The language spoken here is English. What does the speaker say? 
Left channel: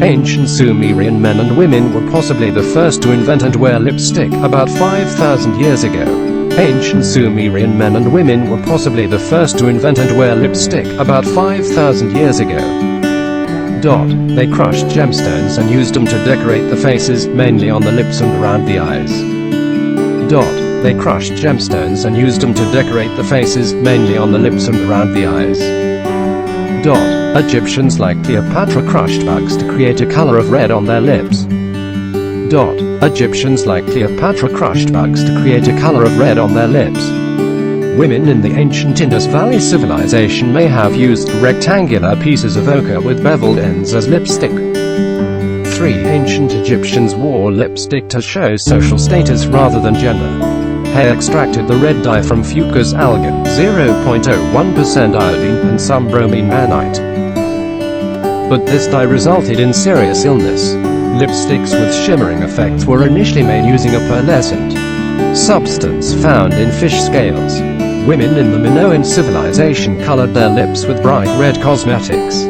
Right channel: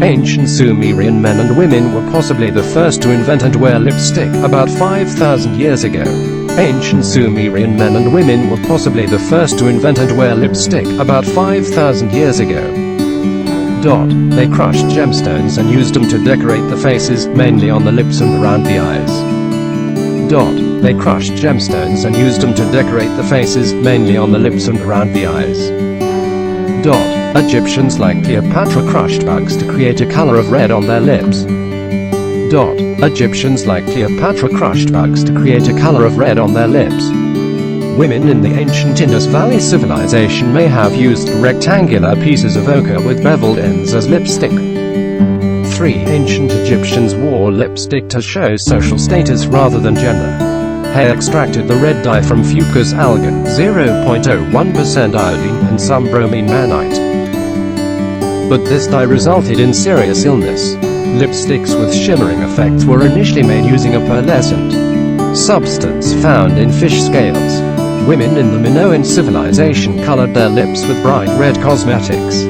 Ancient Sumerian men and women were possibly the first to invent and wear lipstick, about 5,000 years ago. Ancient Sumerian men and women were possibly the first to invent and wear lipstick, about 5,000 years ago. They crushed gemstones and used them to decorate the faces, mainly on the lips and around the eyes. They crushed gemstones and used them to decorate the faces, mainly on the lips and around the eyes. Egyptians like Cleopatra crushed bugs to create a color of red on their lips. Egyptians like Cleopatra crushed bugs to create a color of red on their lips. Women in the ancient Indus Valley civilization may have used rectangular pieces of ochre with beveled ends as lipstick. Ancient Egyptians wore lipstick to show social status rather than gender. They extracted the red dye from fucus algin, 0.01% iodine, and some bromine mannite. But this dye resulted in serious illness. Lipsticks with shimmering effects were initially made using a pearlescent substance found in fish scales. Women in the Minoan civilization colored their lips with bright red cosmetics.